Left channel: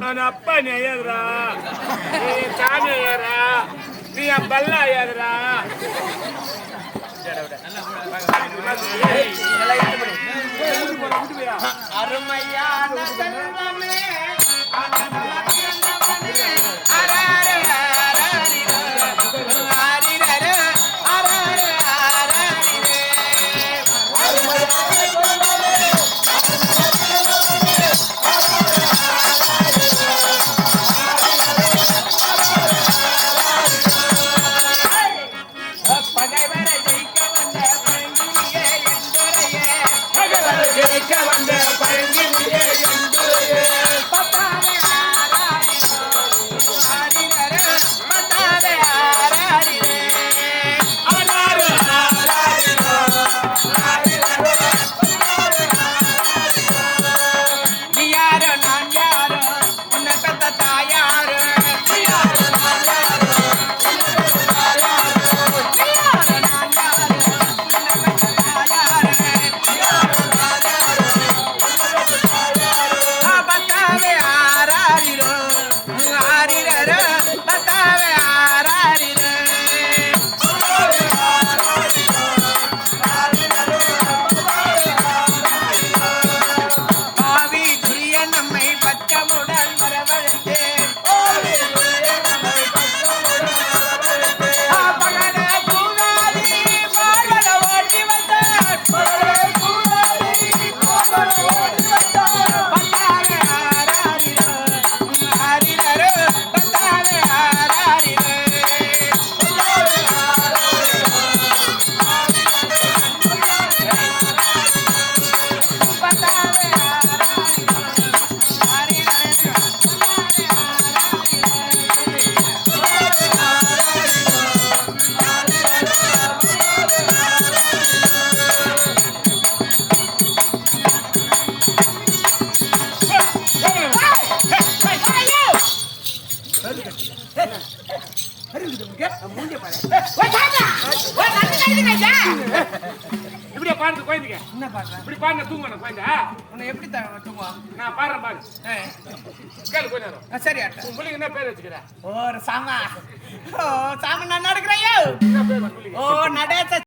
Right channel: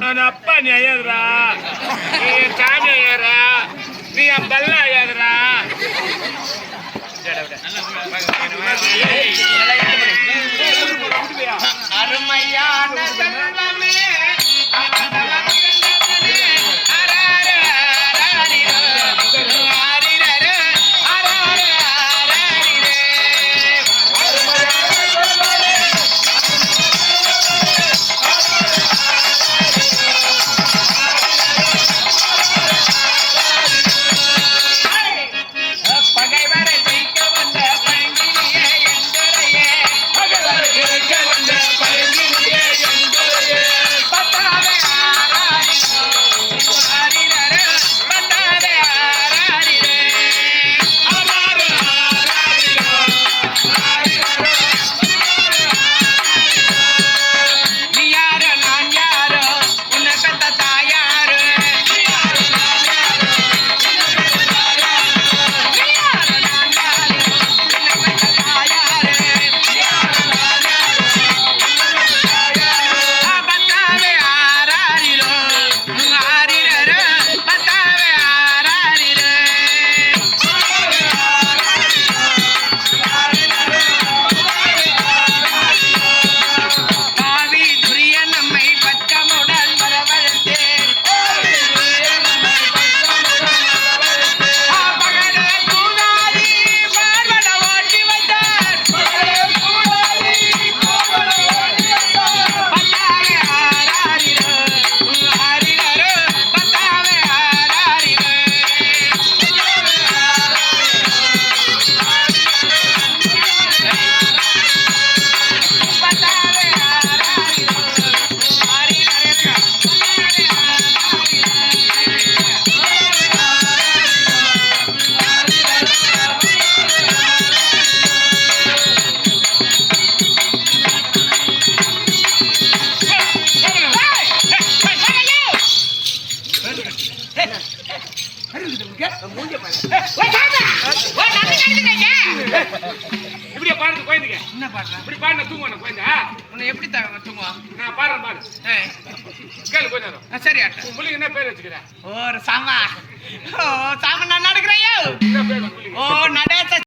நான் அப்பா நீ ஐயாதுரா, நீ சாமி ஐயாரா, நீ என் பல்ல ஐயாதுரா. அருமையான செல்வமே இப்படியே பாடுறது குழந்தைங்க. என்ன பாடுறேன்? இப்படி பாடின தூங்குவேன் குழந்தை. உன்னை எப்படி தூங்குவா? நான் பாடுறேன் பாடு. கேளு கொஞ்ச நேரம். சரி ஆட்ட. உன் பிள்ளைங்க என்ன பேர் வச்சுக்கிறேன்? ஓ சாமா. ஓ சாமா நான் நடக்கிறேன். என்ன பேர் உன் பிள்ளைங்க? ஓ நடேச